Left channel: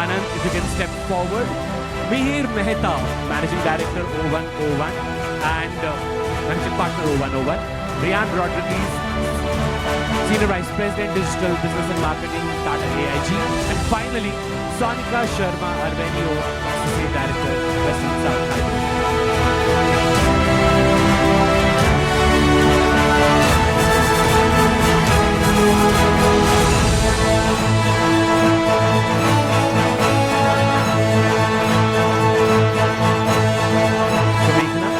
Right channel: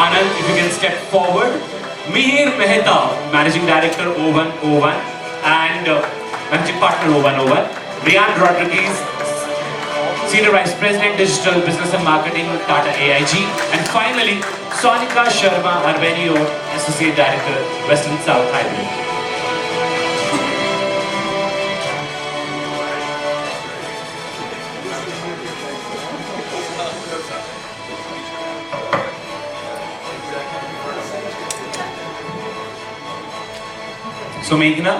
Anand, if you can step forward. Mihir Mehta, Managing Director O101 and Managing Partner O101. Rian Rodriguez, Senior Vice President Digital Business and Marketing, Tata AIG. And finally, Sonika Sharma Arvenio, Associate Director, Western South Highway. So Meghna,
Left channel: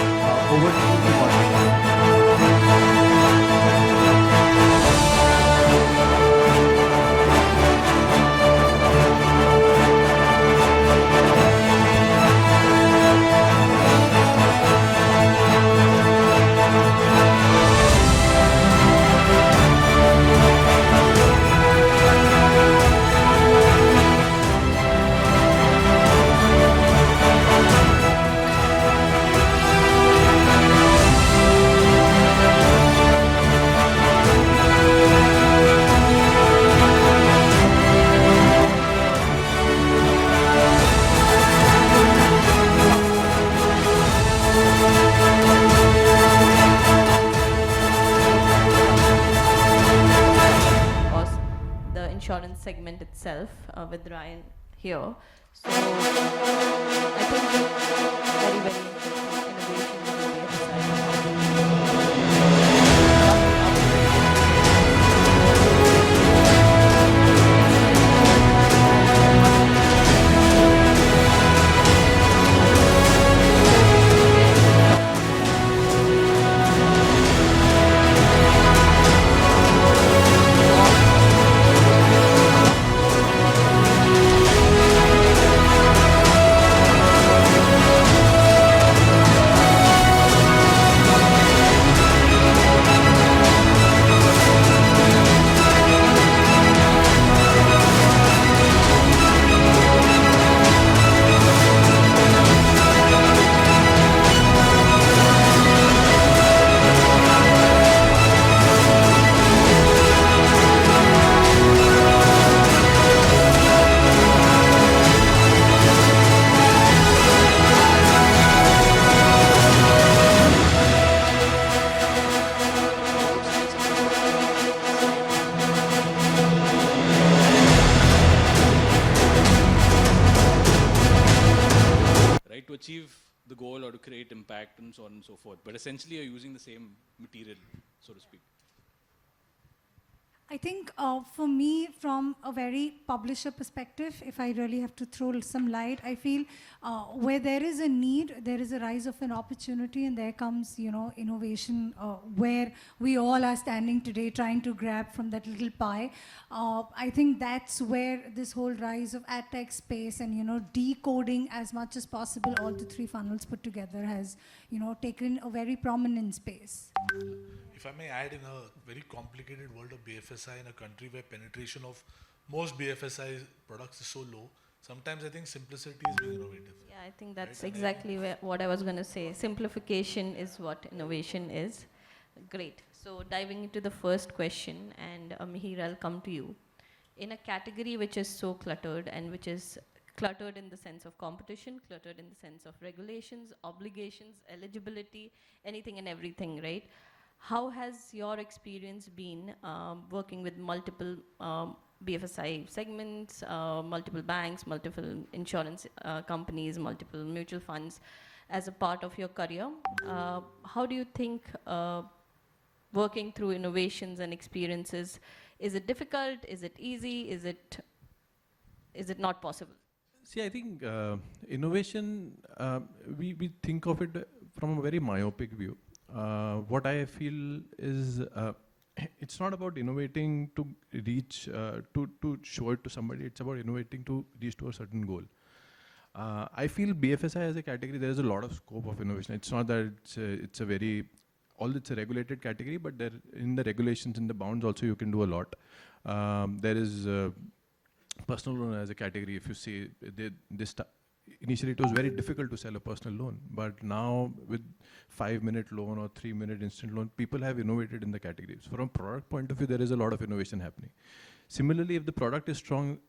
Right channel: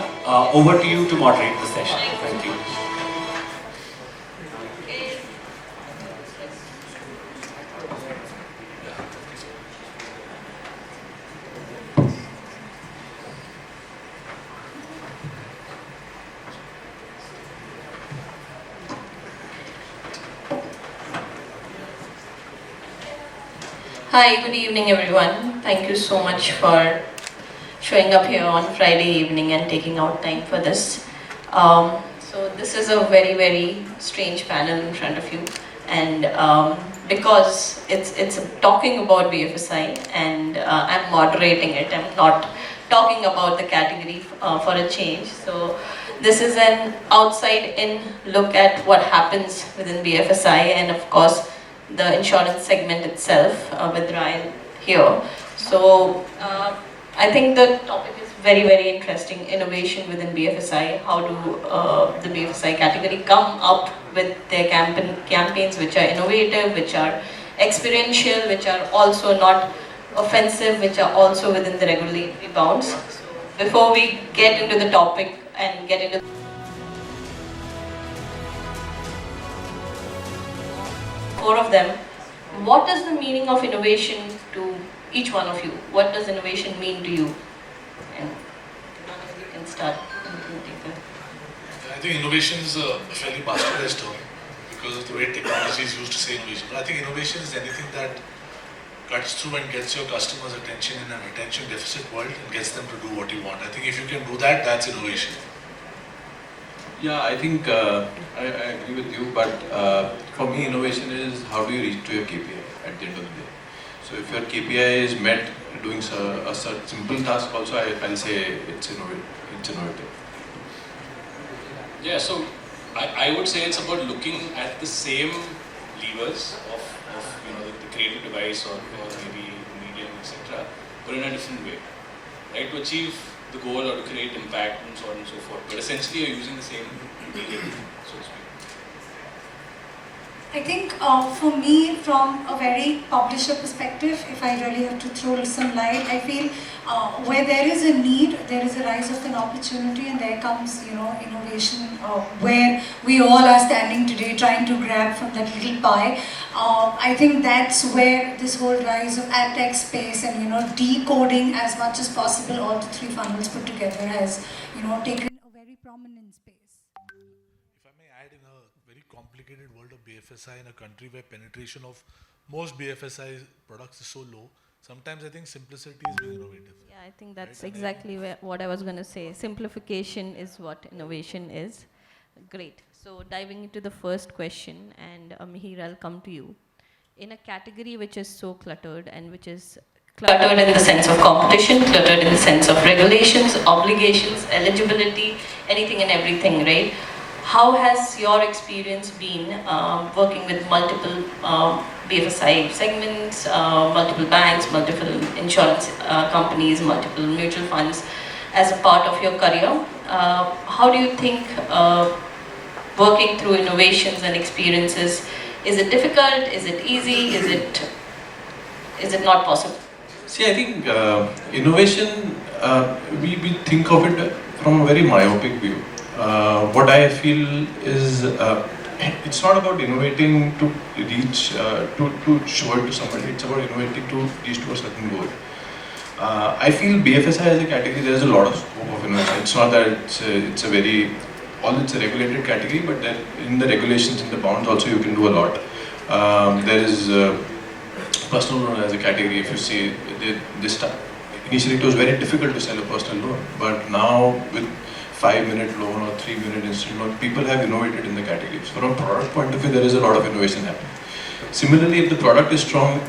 over to you to moderate this session. Hi, good evening everyone. Thank you so much for showing up here on Friday evening and taking out time for this. This is a very, very strange panel and because it's talking about BFSI and I'm moderating it and not talking about the category for a change. So this is an outside-in look at what happens in BFSI and of course the insurance segment itself with Ryan here. So I think that very, very interesting innovation within BFSI. How do the BFSI category come out with their campaigns which are innovative, which are experiential, which are also not offensive, which are also within the regulatory clause. Before we get into the topic and get into what is the meaning of innovation? Each one. What does innovation mean to you? Innovation is achieve the goal or to create impact and so on and so forth. But essentially you're using the same medium, so to speak. I think for me, from a very publisher perspective, if I really have to throw some light, I feel where there is a need, there is a rise of an opportunity, and there comes, innovation where we all are standing today trying to grab from that little pie. I think that's where this whole rise of ad tech space and decoding as much as possible all the three funnels put together has taken a very prominent space. If I may add, in a very complicated world of BFSI in a country where penetration of most BFSI products is so low, sometimes I think simplicity is being innovative. Yeah, I think that's exactly what I was going to say. Simplification is what innovation is. Great. So diving into the first question, and Mihir, I'll come to you. In a category which is so cluttered and which is cluttered in the sense of competition, cluttered in the sense of regulations, obligations, eligibility, anything and everything, right? How has your experience been working with multiple BFSI segments, multiple banks, multiple insurance companies, multiple mutual funds as a part of your career? How do you think working through innovations and experiences, is it difficult, is it easy, is it not possible? See, I think innovation, we think of it from a very myopic view. What I feel is it's not about innovating to reach, to show it to somebody, it's about innovating to reach to a certain goal. I feel BFSI as a category, there is a lot of scope of innovation. It's not that it's a very, it's a regulated category, but then in the regulations, in the bounds also you can do a lot. There is personal loan as a category. If you see, initially it was very difficult to sell a personal loan, but now with 5-minute loan or 3-minute instant loan, people have innovated in the category. So from a product point of view, there is a lot of innovation happening. Similarly, if the product is strong,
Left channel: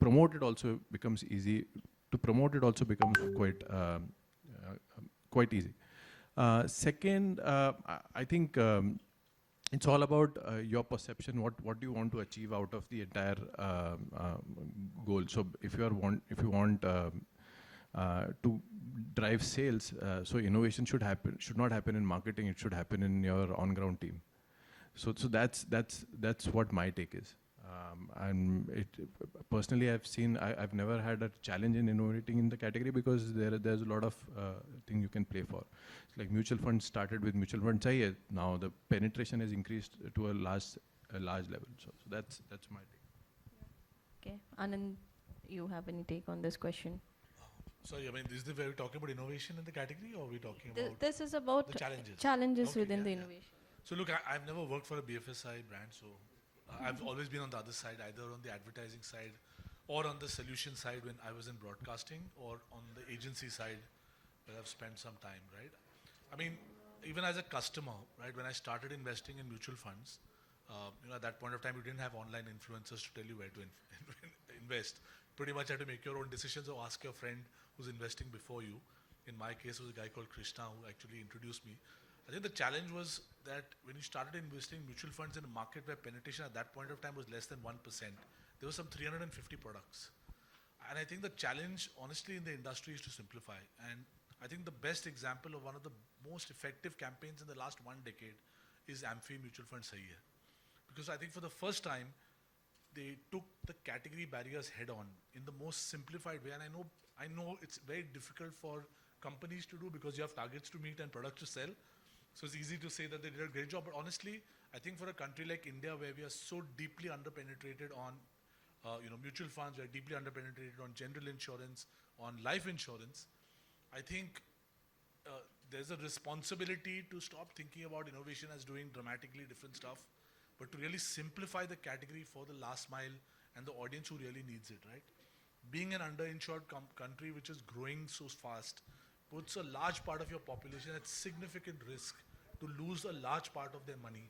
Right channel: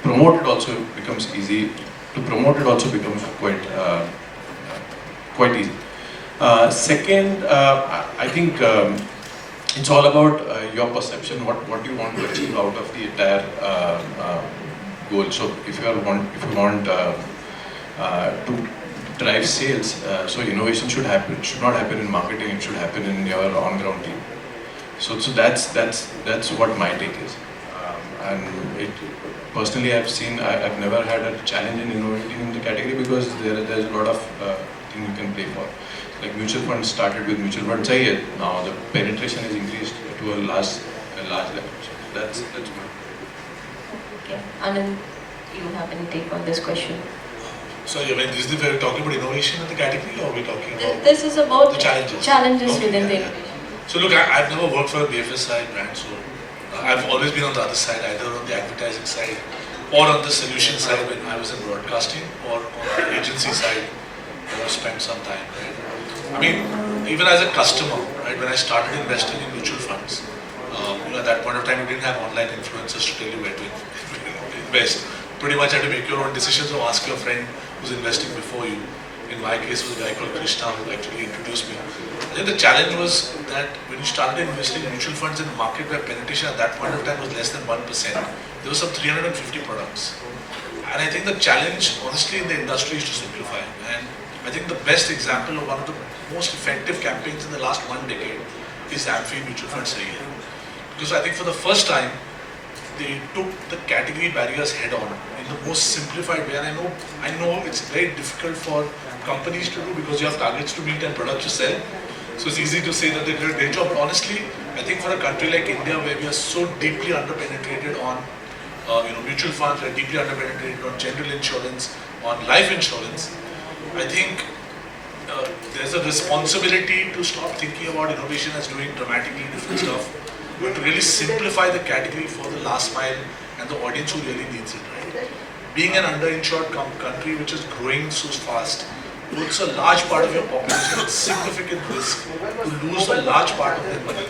promote it also becomes easy. To promote it also becomes quite easy. Second, I think it's all about your perception, what you want to achieve out of the entire goal. So if you want to drive sales, so innovation should not happen in marketing. It should happen in your on-ground team. So that's what my take is. And personally, I've never had a challenge in innovating in the category because there's a lot of things you can play for. Like mutual funds started with mutual funds, now the penetration is increased to a large level. So that's good. Okay, Anand, you have any take on this question? Sorry, I mean, is we're talking about innovation in the category, or are we talking about This is about the challenges? Challenges Okay, within the yeah. innovation. So look, I've never worked for a BFSI brand, so I've always been on the other side, either on the advertising side or on the solution side when I was in broadcasting, or on the agency side where I spent some time. Right? I mean, even as a customer, right, when I started investing in mutual funds, at that point of time, you didn't have online influencers to tell you where to invest. Pretty much had to make your own decisions or ask your friend who's investing before you. In my case, it was a guy called Krishna who actually introduced me. I think the challenge was that when you started investing in mutual funds in a market where penetration at that point of time was less than 1%, there were some 350 products. And I think the challenge, honestly, in the industry is to simplify. And I think the best example of one of the most effective campaigns in the last 1 decade is AMFI Mutual Fund Sahi Hai. Because I think for the first time, they took the category barriers head on in the most simplified way. And I know it's very difficult for companies to do because you have targets to meet and products to sell. So it's easy to say that they did a great job. But honestly, I think for a country like India, where we are so deeply underpenetrated on mutual funds, we're deeply underpenetrated on general insurance, on life insurance, I think there's a responsibility to stop thinking about innovation as doing dramatically different stuff, but to really simplify the category for the last mile and the audience who really needs it. Right? Being an underinsured country which is growing so fast puts a large part of your population at significant risk to lose a large part of their money,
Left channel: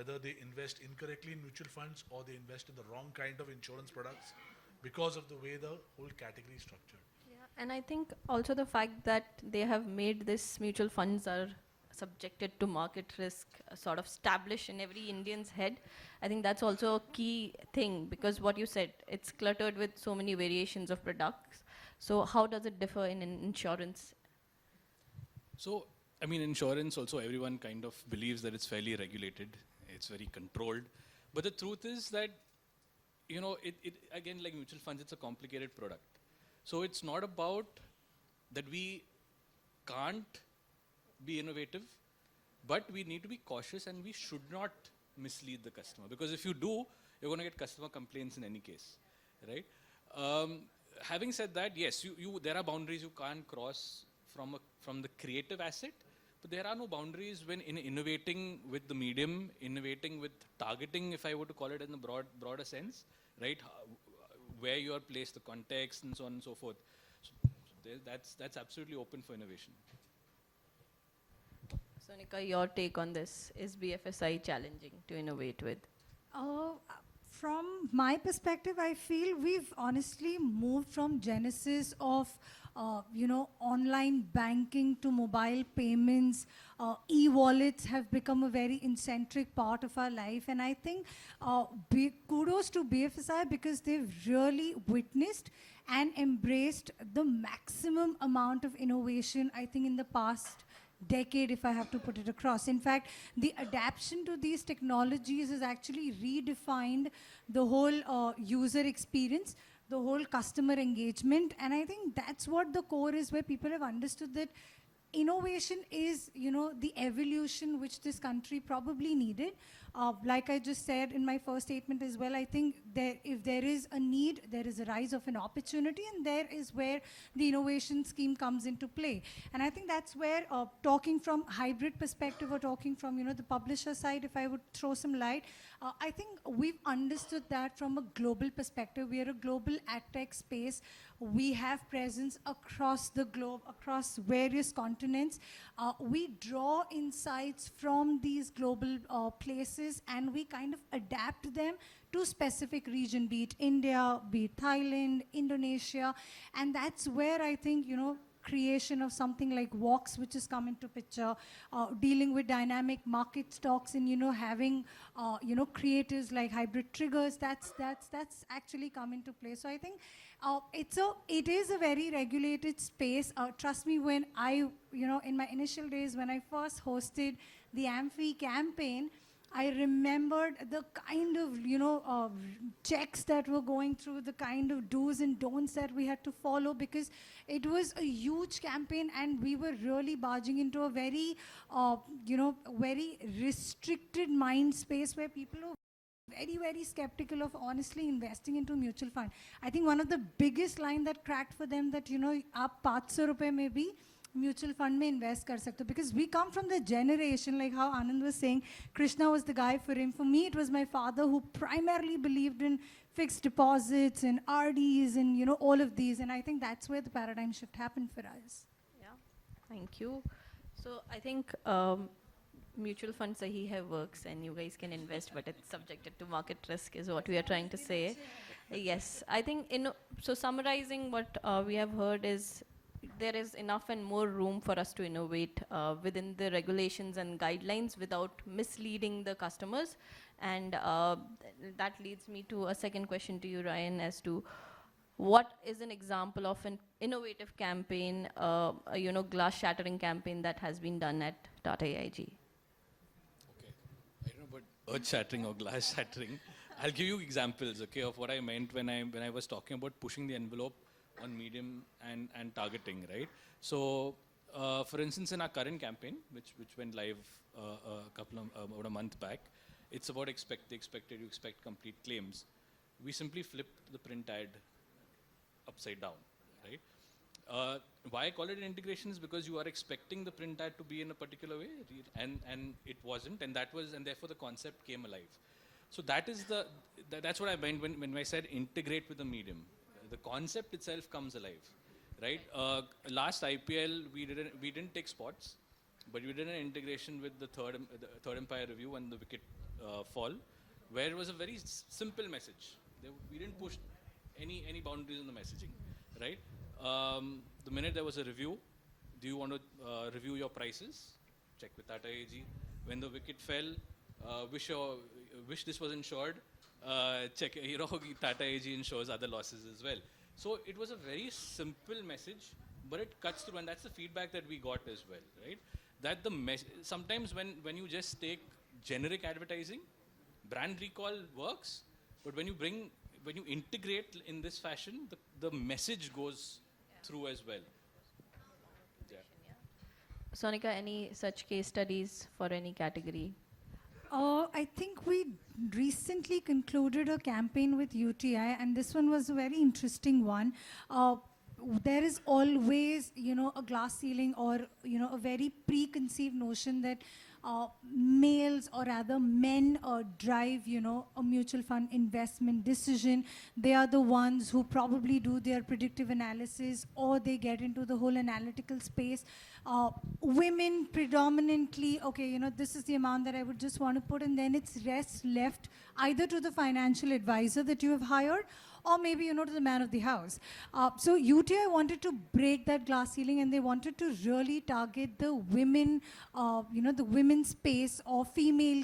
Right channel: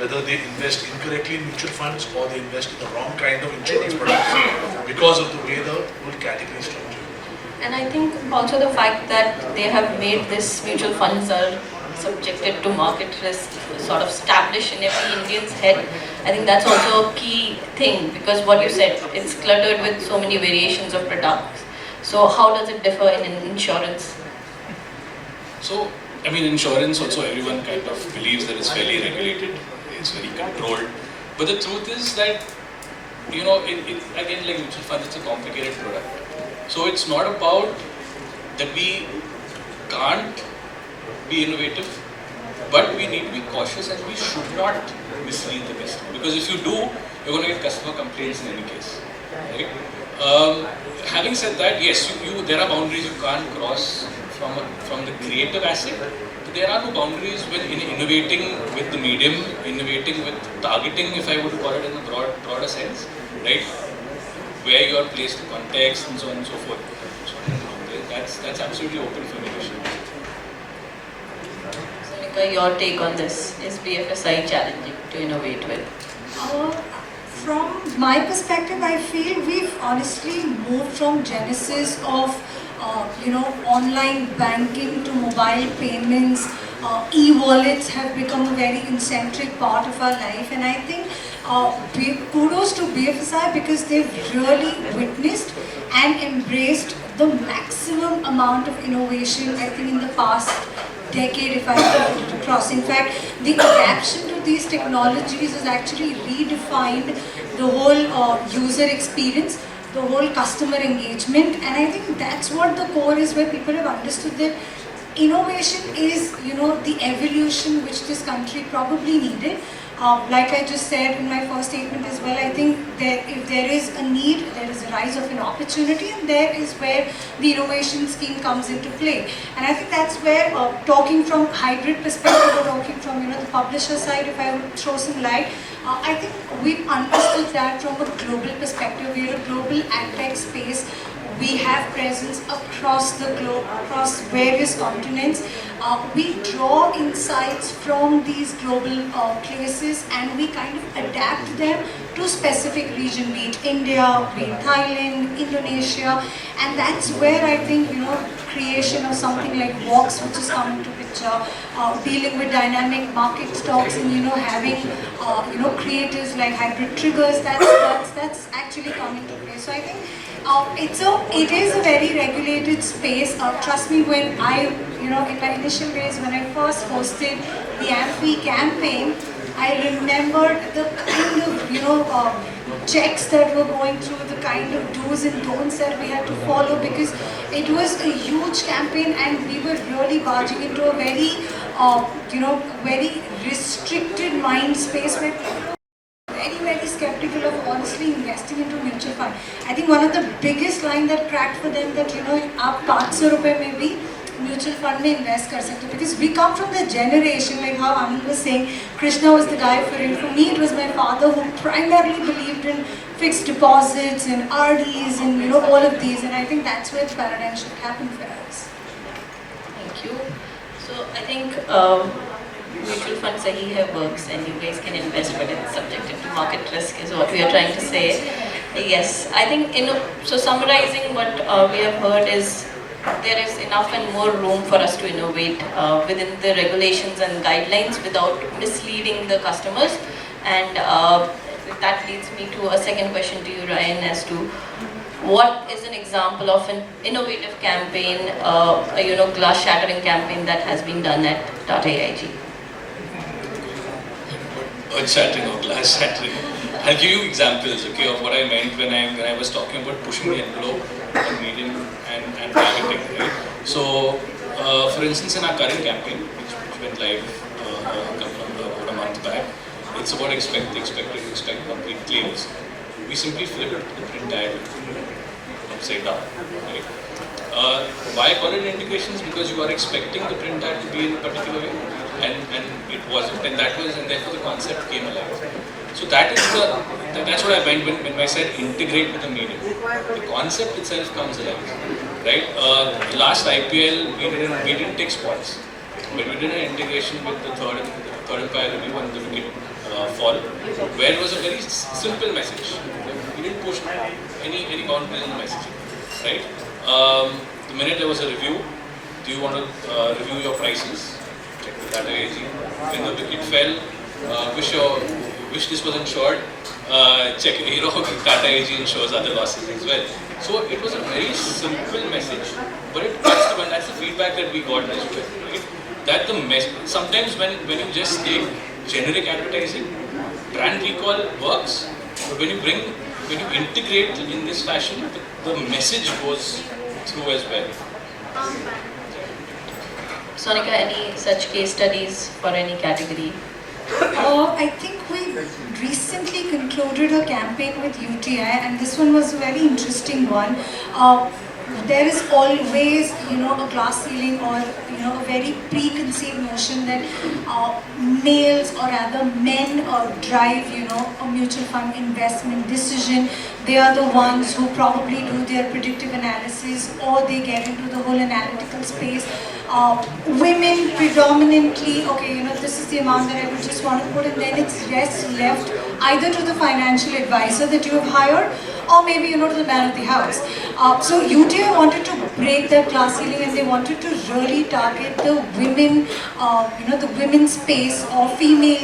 whether they invest incorrectly in mutual funds or they invest in the wrong kind of insurance products because of the way the whole category is structured. And I think also the fact that they have made this mutual funds are subjected to market risk sort of established in every Indian's head. I think that's also a key thing, because what you said, it's cluttered with so many variations of products. So how does it differ in insurance? So, I mean, insurance also everyone kind of believes that it's fairly regulated, it's very controlled. But the truth is that, again, like mutual funds, it's a complicated product. So it's not about that we can't be innovative, but we need to be cautious and we should not mislead the customer. Because if you do, you're going to get customer complaints in any case. Right? Having said that, yes, there are boundaries you can't cross from the creative asset. But there are no boundaries when innovating with the medium, innovating with targeting, if I would call it in a broader sense, right? Where you are placed, the context, and so on and so forth. So that's absolutely open for innovation. Your take on this? Is BFSI challenging to innovate with? From my perspective, I feel we've honestly moved from genesis of online banking to mobile payments. E-wallets have become a very eccentric part of our life, and I think kudos to BFSI because they've really witnessed and embraced the maximum amount of innovation, I think, in the past decade, if I put it across. In fact, the adaptation to these technologies has actually redefined the whole user experience, the whole customer engagement, and I think that's what the core is, where people have understood that innovation is, the evolution which this country probably needed. Like I just said in my first statement as well, I think that if there is a need, there is a rise of an opportunity, and there is where the innovation scheme comes into play. And I think that's where, talking from hybrid perspective or talking from the publisher side, if I would throw some light, I think we've understood that from a global perspective. We're a global ad tech space We have presence across the globe, across various continents. We draw insights from these global places and we kind of adapt them to specific region, be it India, be it Thailand, Indonesia, and that's where I think, creation of something like Vox, which is coming to picture, dealing with dynamic market stocks and, having, creators like hybrid triggers, that's actually coming to play. So I think it is a very regulated space. Trust me, when I, in my initial days, when I first hosted the Amphi campaign, I remembered the kind of, checks that were going through, the kind of do's and don'ts that we had to follow, because it was a huge campaign and we were really barging into a very, very restricted mind space where people very skeptical of honestly investing into mutual fund. I think one of the biggest line that cracked for them that आप 500 रुपए में भी mutual fund में invest कर सकते, because we come from the generation like how Anand was saying, Krishna was the guy for it. For me, it was my father who primarily believed in fixed deposits and RDs and all of these, and I think that's where the paradigm shift happened for us. Thank you. So I think mutual fund sahi hai works and you guys can invest, but it's subjected to market risk is what we are trying to say. Yes, I think so summarizing what we have heard is there is enough and more room for us to innovate within the regulations and guidelines without misleading the customers. And that leads me to a second question to you, Ryan, as to what is an example of an innovative campaign, a glass shattering campaign that has been done at Tata AIG? Earth shattering or glass shattering. I'll give you examples, okay, of what I meant when I was talking about pushing the envelope on medium and targeting, right? So, for instance, in our current campaign, which went live about a month back, it's about expect complete claims. We simply flipped the print diagram upside down, right? Why call it indications? Because you are expecting the print diagram to be in a particular way, and it wasn't, and therefore the concept came alive. So that's what I meant when I said integrate with the medium. The concept itself comes alive, right? Last IPL we didn't take spots, but we did an integration with the third umpire review and the wicket fall, where it was a very simple message. We didn't push any boundaries in the messaging, right? The minute there was a review, do you want to review your prices? Check with Tata AG. When the wicket fell, wish this was insured, check Tata AG insures other losses as well. So it was a very simple message, but it touched the, and that's the feedback that we got as well, right? That sometimes when you just take generic advertising, brand recall works, but when you integrate in this fashion, the message goes through as well. Sonika, any such case studies for any category? I think we recently concluded a campaign with UTI, and this one was a very interesting one. There is always, a glass ceiling or, a very preconceived notion that males or rather men drive, a mutual fund investment decision. They are the ones who probably do their predictive analysis or they get into the whole analytical space. Women predominantly, okay, this is the amount that I would just want to put, and then it's left either to the financial advisor that you have hired or maybe, to the man of the house. So UTI wanted to break that glass ceiling and they wanted to really target the women, the women's space or female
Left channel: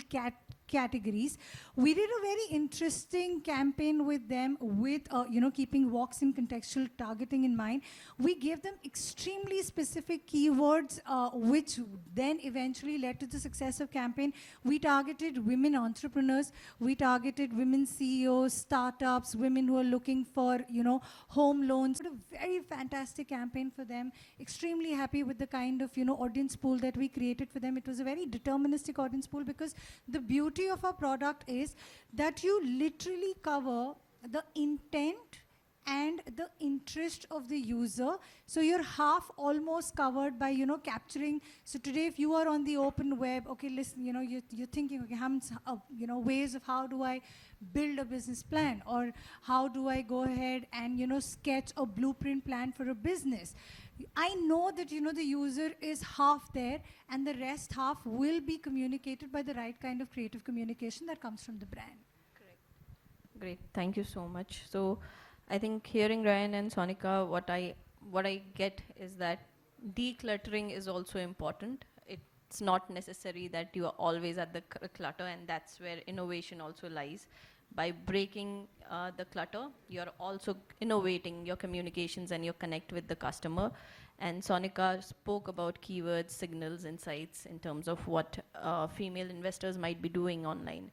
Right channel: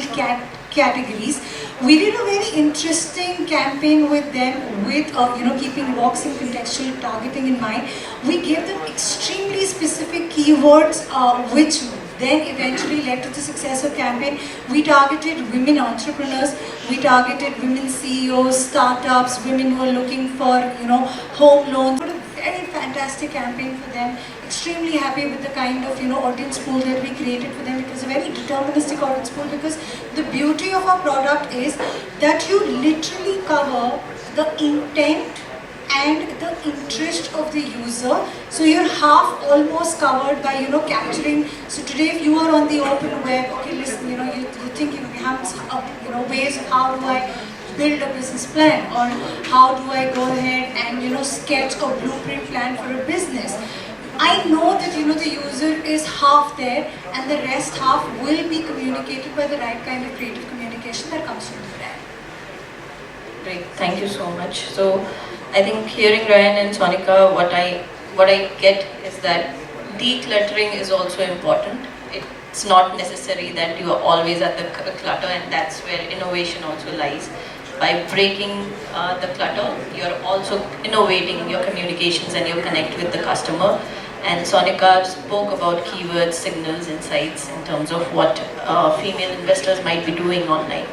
categories. We did a very interesting campaign with them with, keeping Vox and contextual targeting in mind. We gave them extremely specific keywords, which then eventually led to the success of campaign. We targeted women entrepreneurs, we targeted women CEOs, startups, women who are looking for, home loans. What a very fantastic campaign for them. Extremely happy with the kind of, audience pool that we created for them. It was a very deterministic audience pool because the beauty of our product is that you literally cover the intent and the interest of the user. So you're half almost covered by, capturing. So today if you are on the open web, okay, listen, you think, we have, ways of how do I build a business plan, or how do I go ahead and sketch a blueprint plan for a business. I know that the user is half there, and the rest half will be communicated by the right kind of creative communication that comes from the brand. Great, thank you so much. So I think hearing Ryan and Sonika, what I get is that decluttering is also important. It's not necessary that you are always at the clutter, and that's where innovation also lies. By breaking the clutter, you're also innovating your communications and your connect with the customer. And Sonika spoke about keywords, signals, insights in terms of what female investors might be doing online,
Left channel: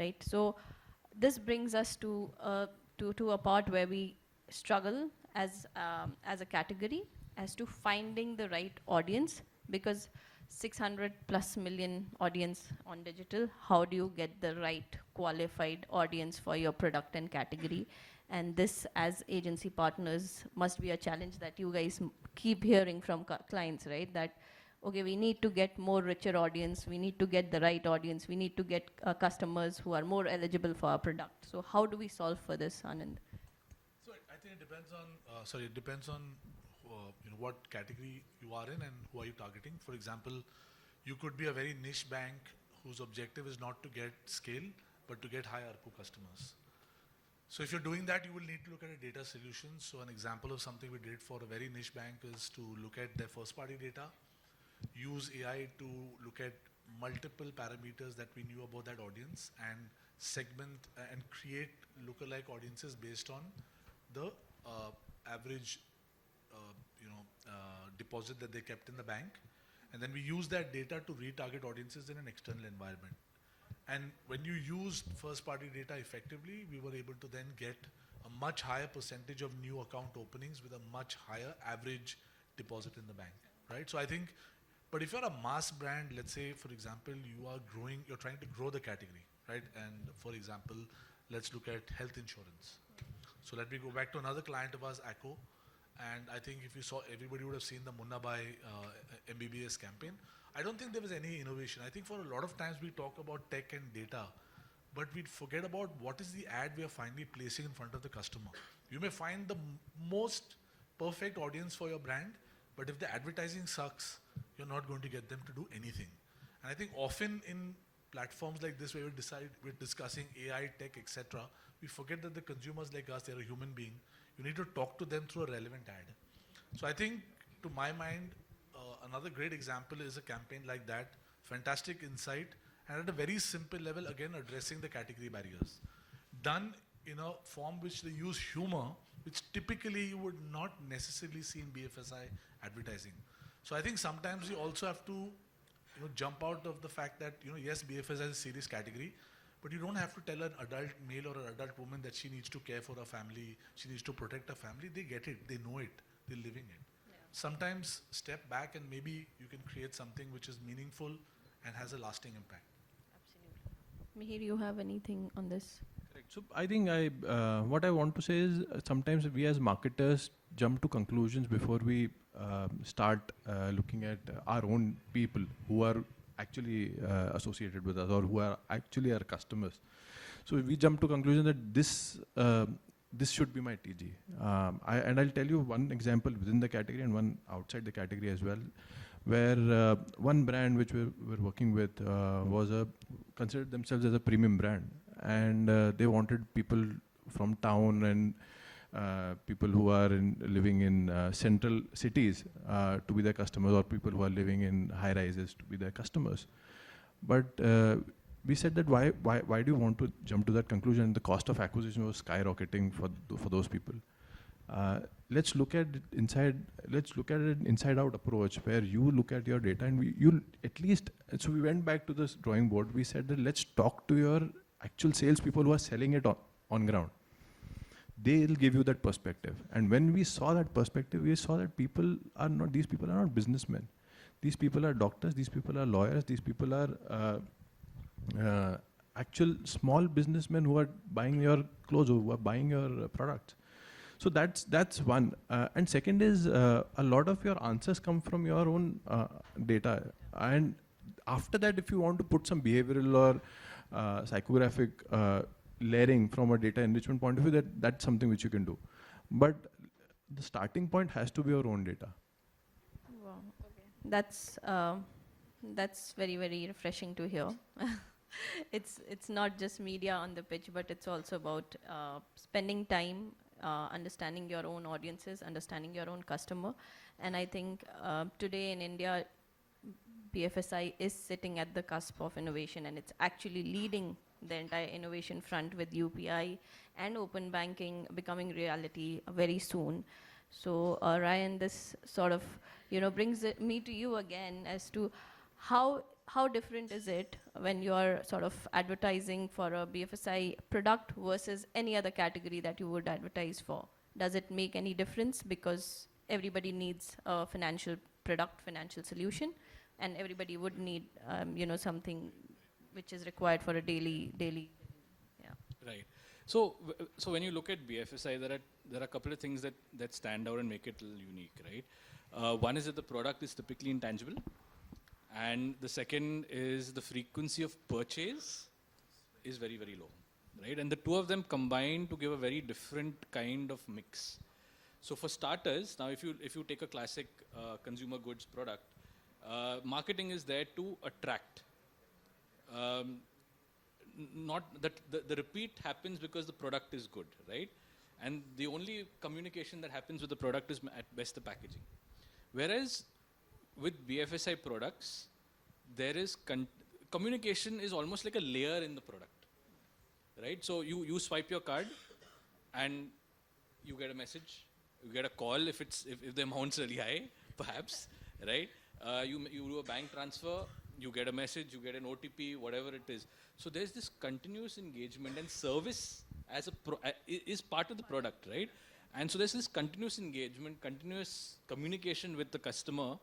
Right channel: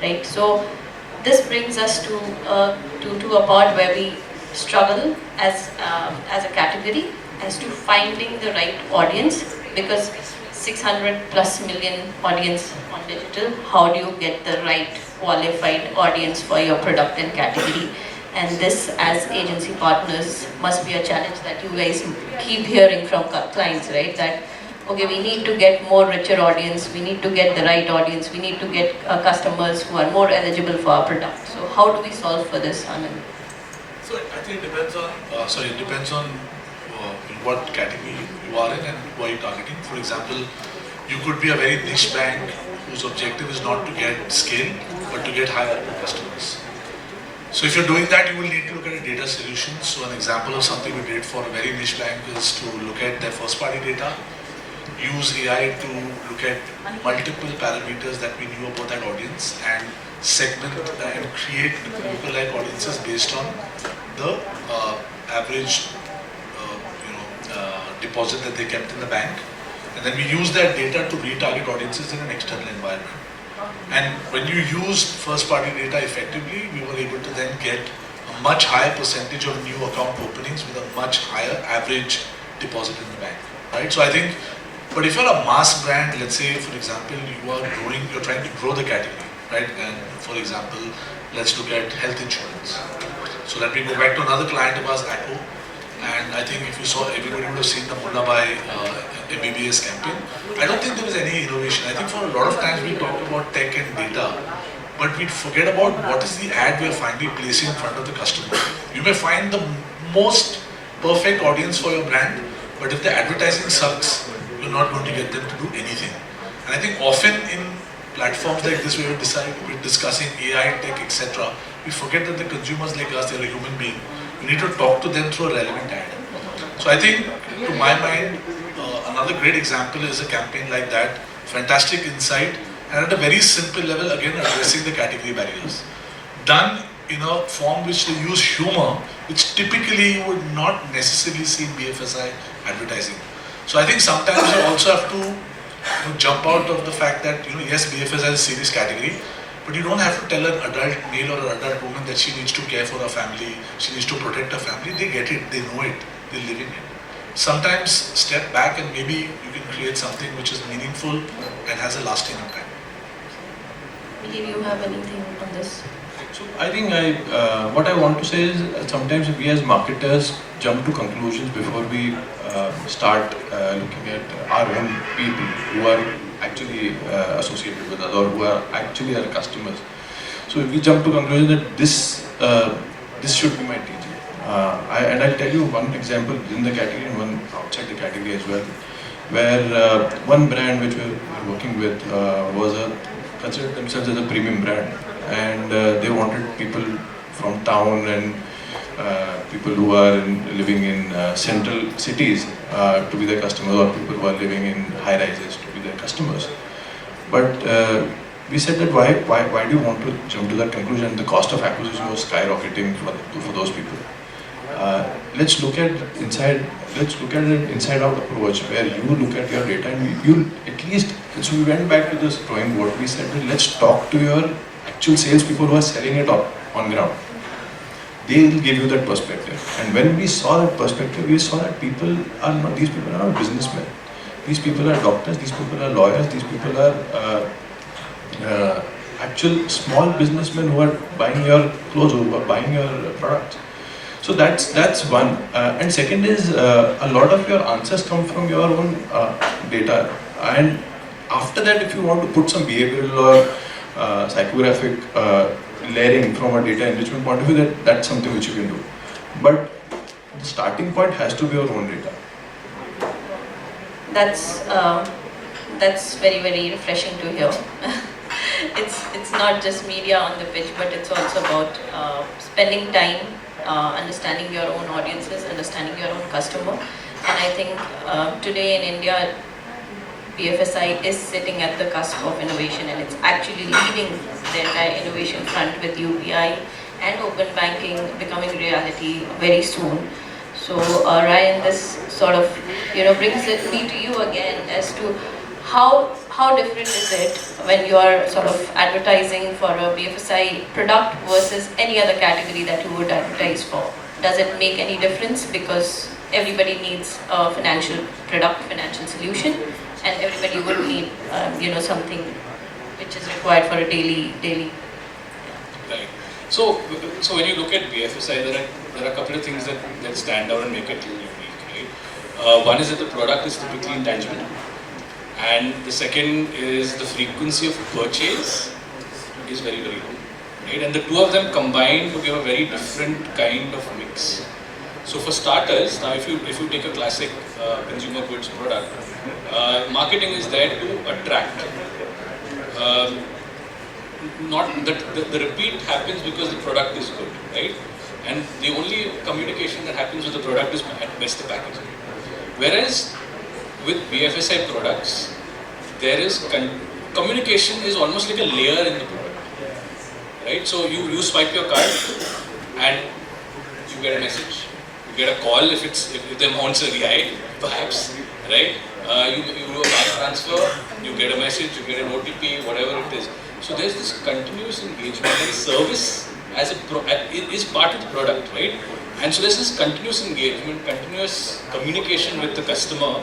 right? So this brings us to a part where we struggle as a category as to finding the right audience, because 600 plus million audience on digital, how do you get the right qualified audience for your product and category? And this, as agency partners, must be a challenge that you guys keep hearing from clients, right? That, okay, we need to get more richer audience, we need to get the right audience, we need to get customers who are more eligible for our product. So how do we solve for this, Anand? So I think it depends on in what category you are in and who are you targeting. For example, you could be a very niche bank whose objective is not to get scale, but to get higher customers. So if you're doing that, you will need to look at a data solution. So an example of something we did for a very niche bank is to look at their first party data, use AI to look at multiple parameters that we knew about that audience, and segment and create lookalike audiences based on the average deposit that they kept in the bank. And then we use that data to retarget audiences in an external environment. And when you used first party data effectively, we were able to then get a much higher percentage of new account openings with a much higher average deposit in the bank, right? So I think, but if you're a mass brand, let's say for example, you're trying to grow the category, right? And for example, let's look at health insurance. So let me go back to another client of ours, Acco. And I think if you saw, everybody would have seen the Munna Bhai MBBS campaign. I don't think there was any innovation. I think for a lot of times we talk about tech and data, but we forget about what is the ad we are finally placing in front of the customer. You may find the most perfect audience for your brand, but if the advertising sucks, you're not going to get them to do anything. And I think often in platforms like this, where we're discussing AI, tech, etc., we forget that the consumers like us, they're a human being. We need to talk to them through a relevant ad. So I think, to my mind, another great example is a campaign like that, fantastic insight, and at a very simple level, again, addressing the category barriers. Done in a form which they use humor, which typically you would not necessarily see in BFSI advertising. So I think sometimes you also have to jump out of the fact that, yes, BFSI is a serious category, but you don't have to tell an adult male or an adult woman that she needs to care for her family, she needs to protect her family. They get it, they know it, they're living it. Sometimes step back and maybe you can create something which is meaningful and has a lasting impact. Do you have anything on this? So I think what I want to say is sometimes we as marketers jump to conclusions before we start looking at our own people who are actually associated with us or who are actually our customers. So if we jump to conclusion that this should be my TG. And I'll tell you one example in the category and one outside the category as well, where one brand which we were working with considered themselves as a premium brand, and they wanted people from town and people who are living in central cities to be their customers, or people who are living in high rises to be their customers. But we said that why do you want to jump to that conclusion? The cost of acquisition was skyrocketing for those people. Let's look at an inside-out approach where you look at your data and you at least. So we went back to this drawing board. We said, well, let's talk to your actual salespeople who are selling it on ground. They will give you that perspective. And when we saw that perspective, we saw that these people are not businessmen. These people are doctors, these people are lawyers, these people are actual small businessmen who are buying your clothes, who are buying your products. So that's one. And second is a lot of your answers come from your own data. And after that, if you want to put some behavioral or psychographic layering from a data enrichment point of view, that's something which you can do. But the starting point has to be your own data. That's very, very refreshing to hear. It's not just media on the pitch, but it's also about spending time understanding your own audiences, understanding your own customer. And I think today in India, BFSI is sitting at the cusp of innovation, and it's actually leading the entire innovation front with UPI and open banking becoming reality very soon. So Ryan, this sort of brings me to you again as to how different is it when you are sort of advertising for a BFSI product versus any other category that you would advertise for? Does it make any difference? Because everybody needs a financial product, financial solution, and everybody would need something which is required for a daily. Right. So when you look at BFSI, there are a couple of things that stand out and make it unique, right? One is that the product is typically intangible, and the second is the frequency of purchase is very, very low, right? And the two of them combine to give a very different kind of mix. So for starters, now if you take a classic consumer goods product, marketing is there to attract. Not the repeat happens because the product is good, right? And the only communication that happens with the product is at best the packaging. Whereas with BFSI products, there is communication is almost like a layer in the product, right? So you swipe your card and you get a message, you get a call if the amounts are right, perhaps, right? You do a bank transfer, you get a message, you get an OTP, whatever it is. So there's this continuous engagement, and service is part of the product, right? And so there's this continuous engagement, continuous communication with the customer,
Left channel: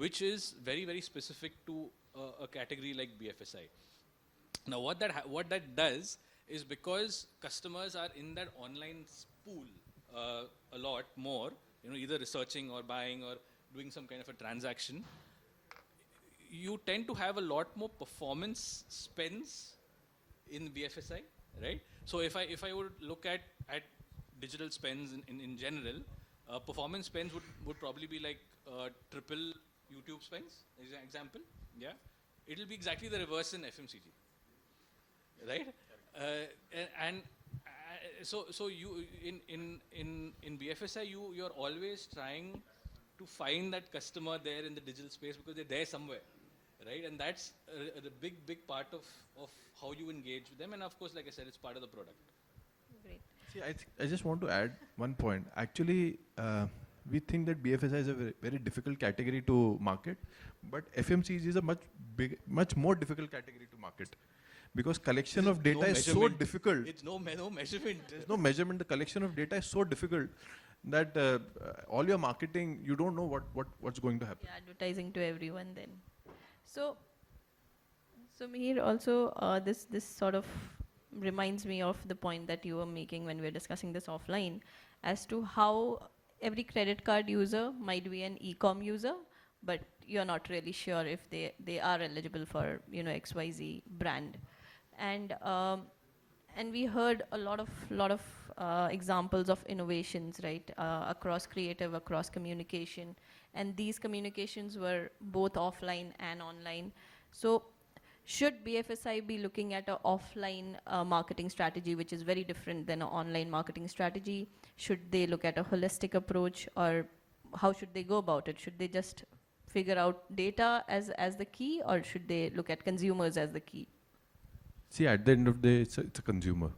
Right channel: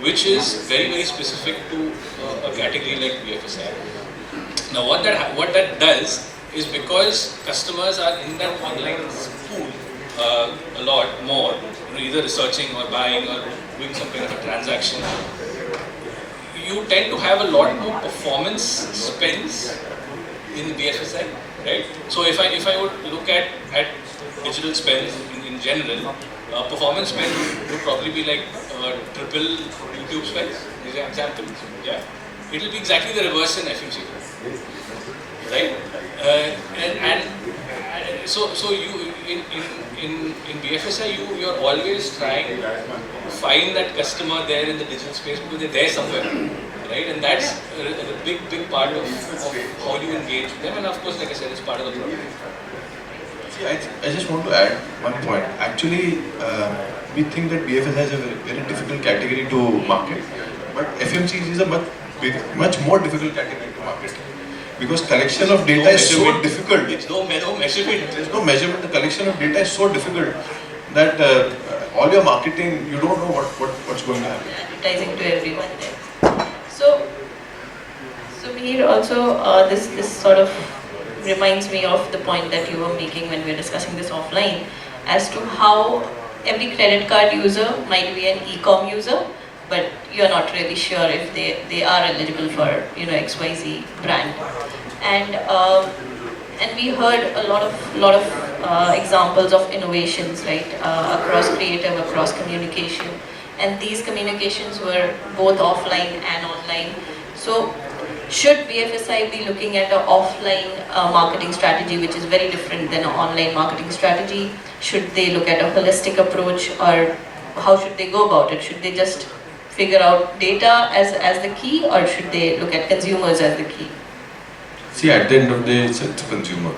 which is very, very specific to a category like BFSI. Now what that does is, because customers are in that online pool a lot more, either researching or buying or doing some kind of a transaction, you tend to have a lot more performance spends in BFSI, right? So if I would look at digital spends in general, performance spend would probably be like triple YouTube spends, is an example. Yeah, it will be exactly the reverse in FMCG, right? So you in BFSI you're always trying to find that customer there in the digital space because they're there somewhere, right? And that's a big part of how you engage with them, and of course, like I said, it's part of the product. See, I just want to add one point. Actually, we think that BFSI is a very difficult category to market, but FMCG is a much more difficult category to market. Because collection of data is so difficult. It's no measurement. There's no measurement. The collection of data is so difficult that all your marketing, you don't know what's going to happen. Advertising to everyone there. So here also this sort of reminds me of the point that you were making when we were discussing this offline, as to how every credit card user might be an e-com user, but you're not really sure if they are eligible for XYZ brand. And we heard a lot of examples of innovations, right, across creative, across communication, and these communications were both offline and online. So should BFSI be looking at an offline marketing strategy, which is very different than an online marketing strategy? Should they look at a holistic approach, or how should they go about it? Should they just figure out data as the key, or should they look at consumers as the key? See, at the end of the day, it's a consumer.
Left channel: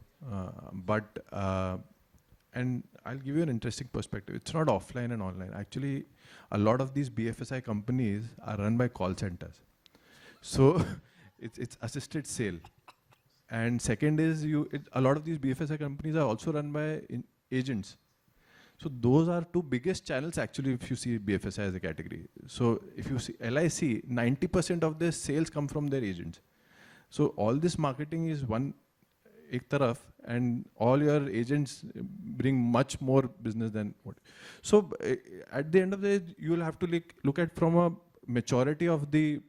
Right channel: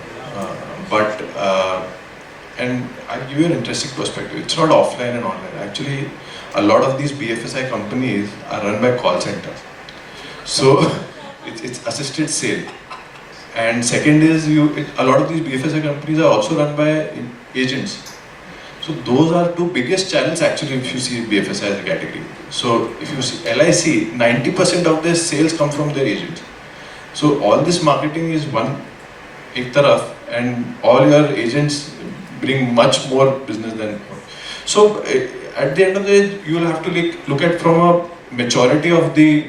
And I'll give you an interesting perspective. It's not offline and online. Actually, a lot of these BFSI companies are run by call centers. So it's assisted sale. And second is, a lot of these BFSI companies are also run by agents. So those are two biggest channels actually if you see BFSI as a category. So if you see LIC, 90% of their sales come from their agents. So all this marketing is one ek taraf, and all your agents bring much more business than. So at the end of the day, you will have to look at from a maturity of the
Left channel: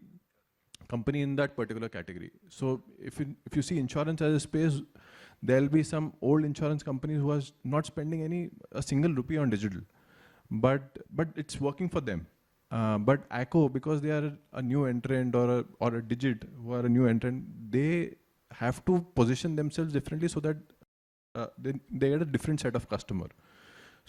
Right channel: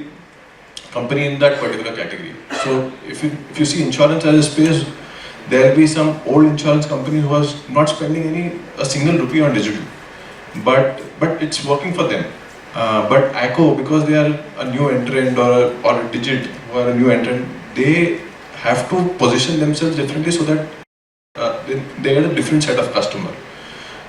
company in that particular category. So if you see insurance as a space, There will be some old insurance company who was not spending a single rupee on digital, but it's working for them. But ACO, because they are a new entrant or a Digit who are a new entrant, they have to position themselves differently so that they get a different set of customer.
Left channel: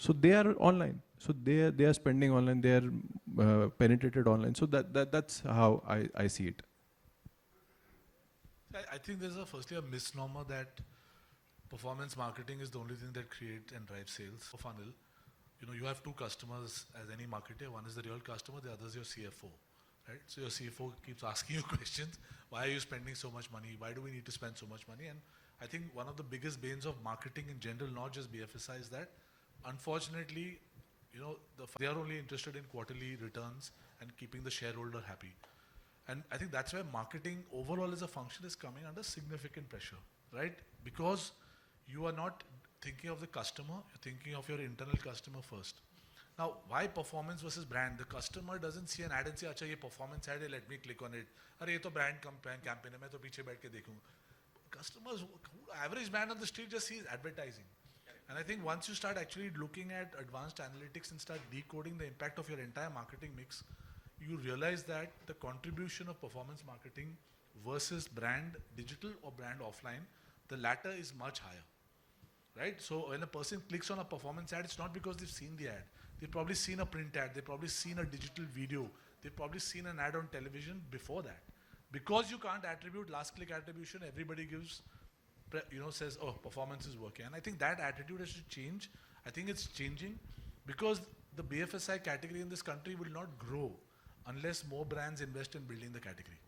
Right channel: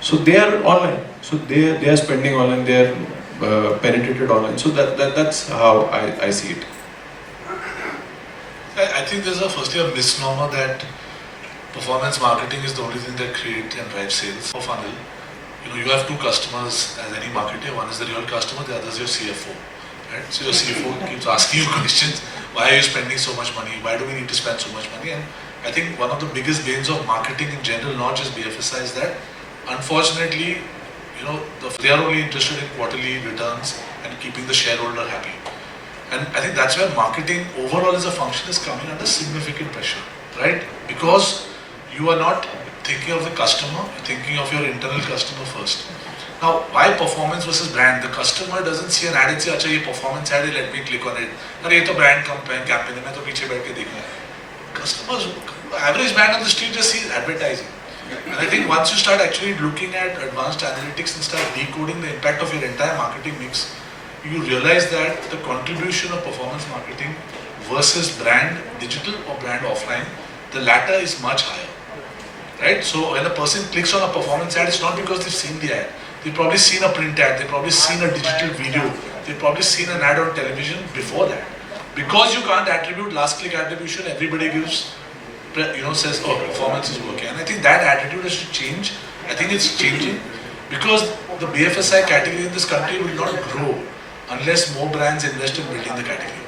So they are online. So they are spending online. They are penetrated online. So that's how I see it. I think there's firstly a misnomer that performance marketing is the only thing that creates and drives sales for funnel. You have two customers as any marketer. One is the real customer, the other is your CFO. Right? So your CFO keeps asking you questions. Why are you spending so much money? Why do we need to spend so much money? And I think one of the biggest gains of marketing in general, not just BFSI, is that unfortunately, they are only interested in quarterly returns and keeping the shareholder happy. And I think that's where marketing overall as a function is coming under significant pressure, right? Because you are not thinking of the customer, you're thinking of your internal customer first. Now, why performance versus brand? The customer doesn't see an ad and say, "Acha, ye performance ad, let me click on it." "Aare, ye to brand campaign hai, main to piche baith ke dekhna hai." Customers, average man on the street just sees advertising. And I think once you start actually looking at advanced analytics and start decoding the impact of your entire marketing mix, you realize that the contribution of performance marketing versus brand digital or brand offline, the latter is much higher. Right? So when a person clicks on a performance ad, it's not because they've seen the ad. They've probably seen a print ad, they've probably seen a digital video, they've probably seen an ad on television before that. Because you can't attribute last click attribution, everybody says, "Oh, performance is working." And I think that attitude has to change. I think it's changing because the BFSI category in this country will not grow unless more brands invest in building the category.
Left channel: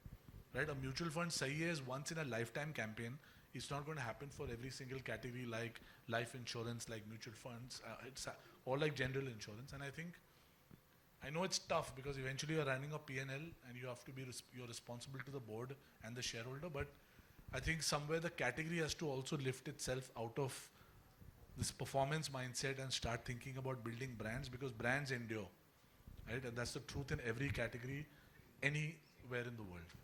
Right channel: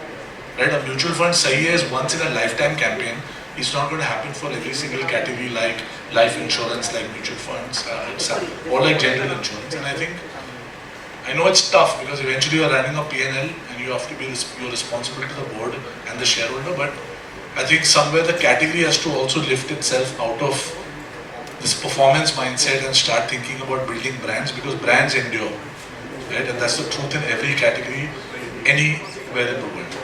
Right? A mutual fund sahi hai is once in a lifetime campaign. It's not going to happen for every single category like life insurance, like mutual funds, or like general insurance. And I know it's tough because eventually you're running a P&L and you have to be you're responsible to the board and the shareholder. But I think somewhere the category has to also lift itself out of this performance mindset and start thinking about building brands because brands endure. Right? And that's the truth in every category, anywhere in the world.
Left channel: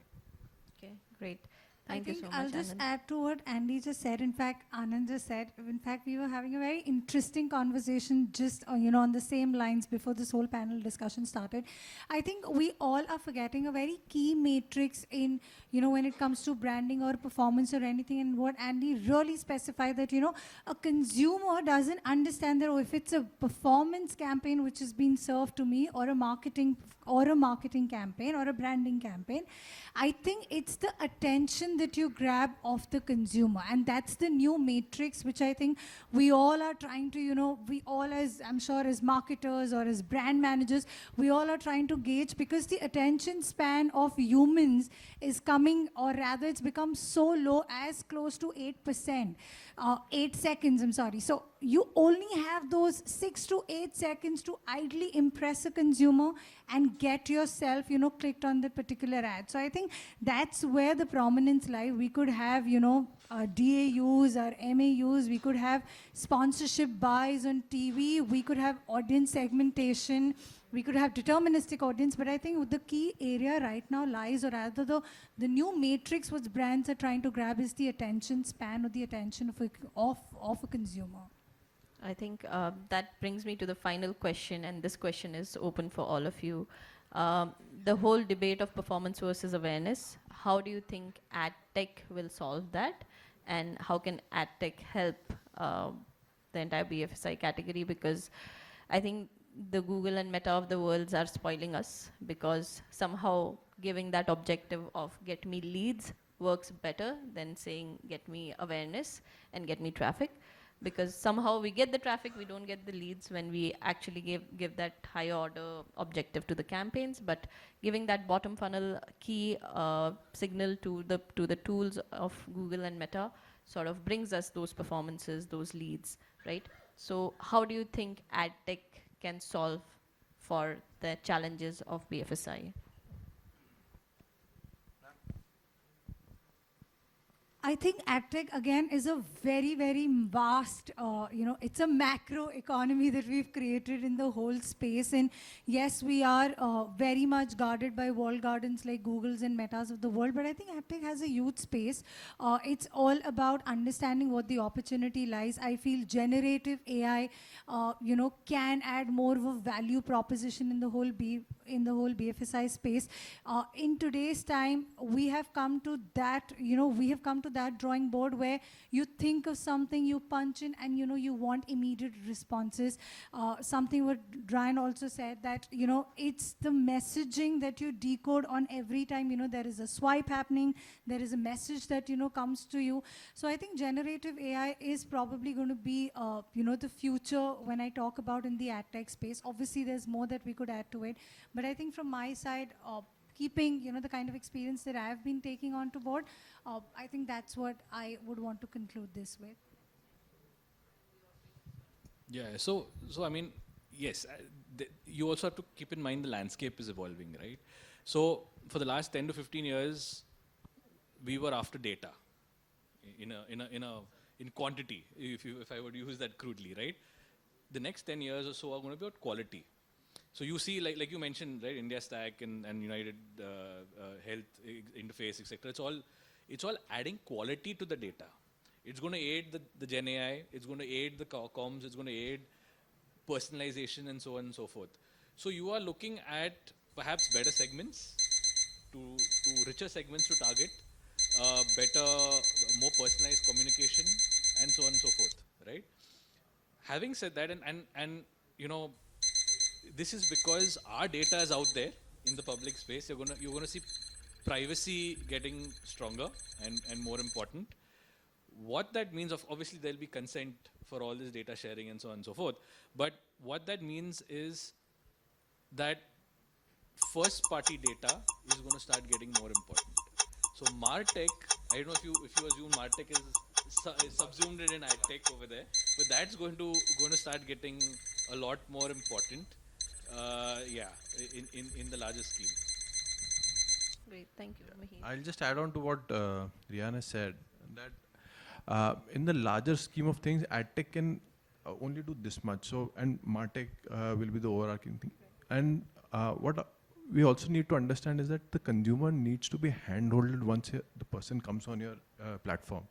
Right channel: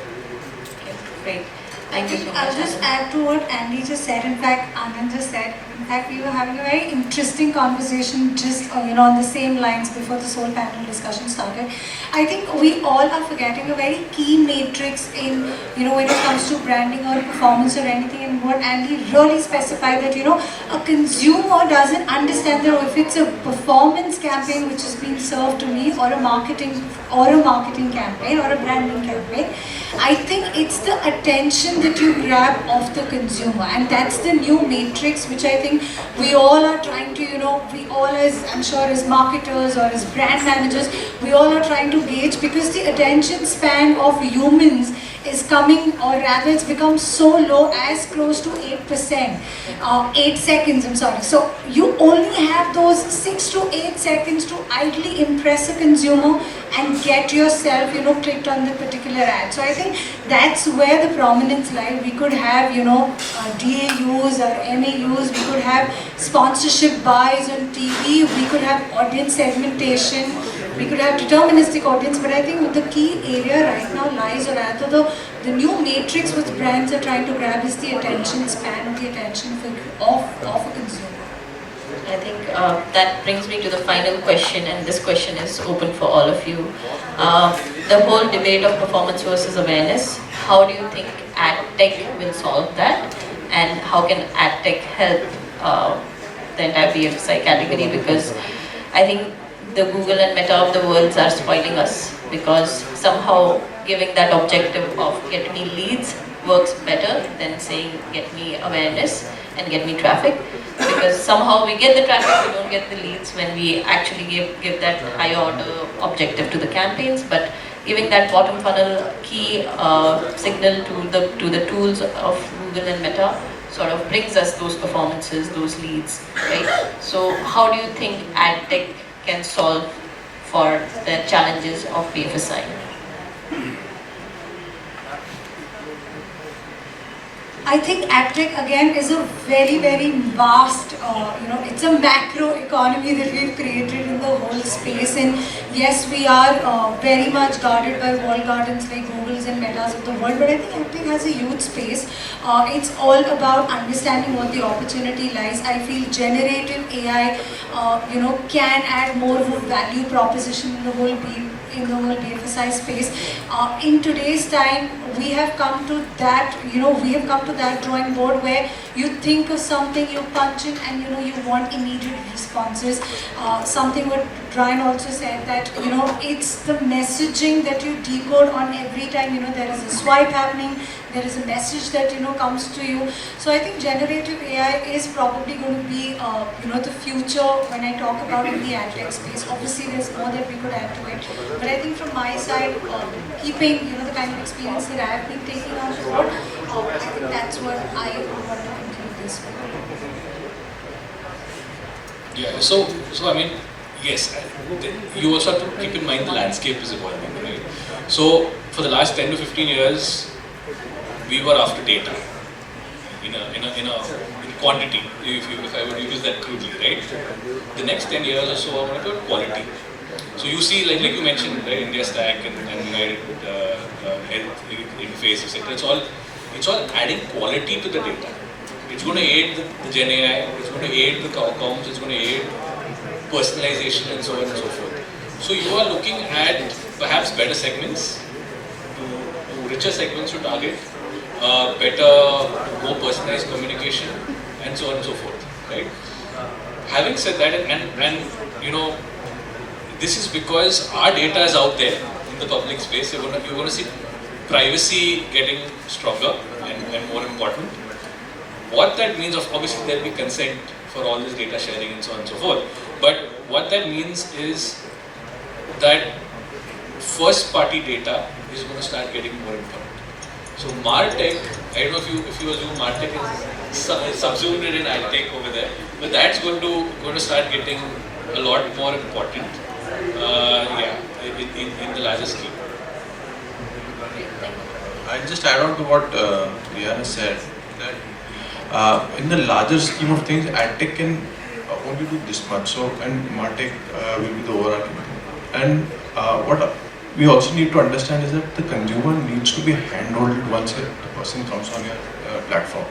Great. Thank you so much. I'll just add to what Andy just said. In fact, Anand just said. In fact, we were having a very interesting conversation just on the same lines before this whole panel discussion started. I think we all are forgetting a very key matrix in when it comes to branding or performance or anything. And what Andy really specified that a consumer doesn't understand that if it's a performance campaign which is being served to me or a marketing campaign or a branding campaign. I think it's the attention that you grab of the consumer, and that's the new matrix which I think we all are trying to, we all as, I'm sure as marketers or as brand managers, we all are trying to gauge because the attention span of humans is coming, or rather it's become so low as close to 8%, 8 seconds, I'm sorry. So you only have those 6 to 8 seconds to idly impress a consumer and get yourself, clicked on the particular ad. So I think that's where the prominence lies. We could have, DAUs or MAUs, we could have sponsorship buys on TV, we could have audience segmentation, we could have deterministic audience, but I think the key area right now lies, or rather the new matrix which brands are trying to grab is the attention span and the attention of a consumer. I think that brings me to the final question, and this question is open for all of you. The whole debate of performance versus awareness, how do you think ad tech will solve that, and how can ad tech help the entire BFSI category? Because I think the Google and Meta of the worlds are spoiling us, because somehow giving that objective of get me leads works better than saying get me awareness and get me traffic, because somehow we get the traffic, we don't get the leads when we actually give that high order objective to the campaigns. But giving that bottom funnel key signal to the tools of Google and Meta sort of brings us those performances, those leads, right? So how do you think ad tech can solve for the challenges of BFSI? I think AgTech again is a very, very vast, it's a macro economy that we've created in the whole space. And yes, we are very much guarded by walled gardens like Googles and Metas of the world, but I think AgTech has a huge space. It's all about understanding what the opportunity lies. I feel generative AI, can add more of a value proposition in the whole BFSI space. In today's time, we have come to that, drawing board where you think of something, you punch in, and you want immediate responses. Something what Brian also said, that it's the messaging that you decode on every time there is a swipe happening, there is a message that comes to you. So I think generative AI is probably going to be the future when I talk about in the AdTech space. Obviously, there's more that we could add to it, but I think from my side, keeping the kind of experience that I have been taking on board, I think that's what I want to conclude this with. Yeah, so I mean, yes, you also have to keep in mind the landscape is evolving, right? So for the last 10 to 15 years, we were after data in quantity, if I would use that crudely, right? The next 10 years or so, I want to about quality. So you see, like you mentioned, right, India Stack and United Health Interface, etc. It's all adding quality to the data. It's going to aid the Gen AI, it's going to aid the comms, it's going to aid personalization and so on and so forth. So you are looking at perhaps better segments, to richer segments to target, better, more personalized communication, and so on and so forth, right? Having said that, and this is because our data is out there in the public space. You're going to see privacy getting stronger and more important. What that means, obviously there will be consent for all this data sharing and so on and so forth. But what that means is that first party data is going to start getting more important. So MarTech, I don't know if you assume MarTech is subsumed in AdTech over there, but that's going to start getting a lot more important. In the larger scheme. I'll just add on to what Rihanna said, that in the larger scheme of things, AdTech can only do this much. So, and MarTech will be the overarching thing. And what we also need to understand is that the consumer needs to be handheld once the person comes on your platform.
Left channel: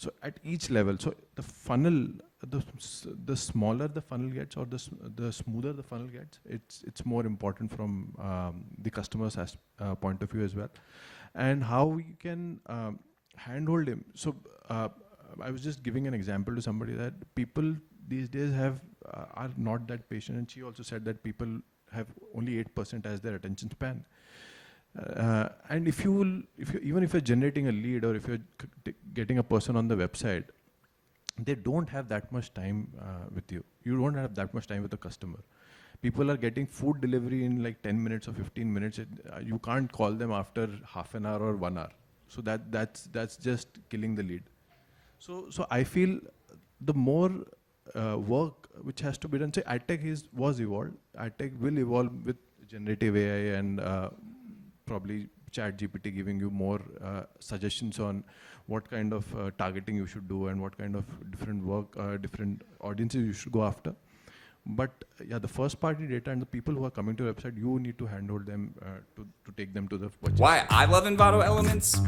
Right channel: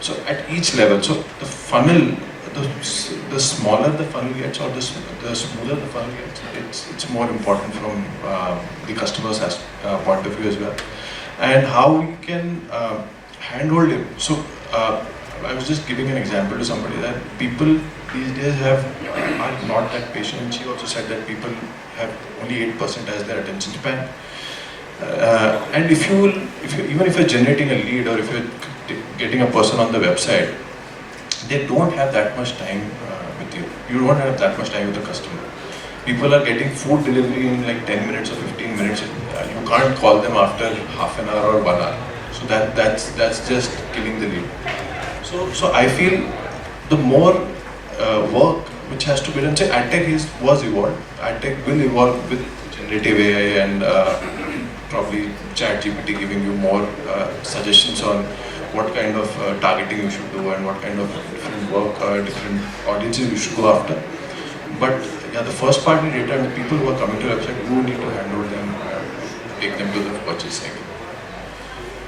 So at each level, so the funnel, the smaller the funnel gets, or the smoother the funnel gets, it's more important from the customer's point of view as well. And how we can handhold him. So I was just giving an example to somebody that people these days are not that patient, and she also said that people have only 8% as their attention span. And even if you're generating a lead, or if you're getting a person on the website, they don't have that much time with you. You don't have that much time with the customer. People are getting food delivery in like 10 minutes or 15 minutes. You can't call them after half an hour or 1 hour. So that's just killing the lead. So I feel the more work which has to be done. Say AdTech was evolved. AdTech will evolve with generative AI and probably ChatGPT giving you more suggestions on what kind of targeting you should do and what kind of different work, different audiences you should go after. But yeah, the first party data and the people who are coming to the website, you need to handle them, take them to the purchase. Why I love Envato Elements?